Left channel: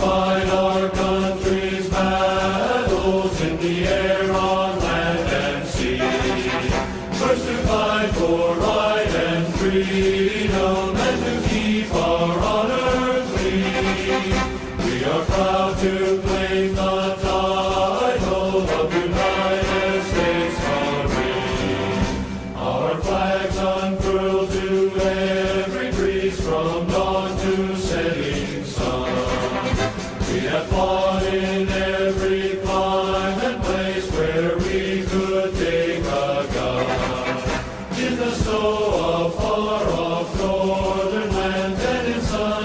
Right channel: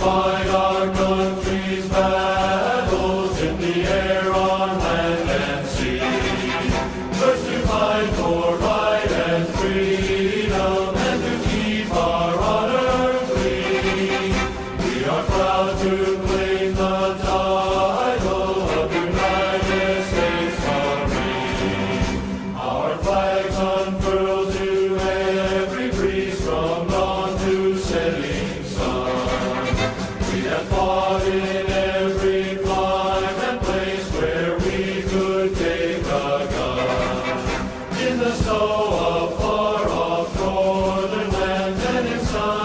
fight our country's battles in the air, on land and sea. First to fight for right and freedom, and to keep our honor clean. We are proud to claim the title of United States Marine. Our flags unfurled to every breeze, from dawn to setting sun. We have fought in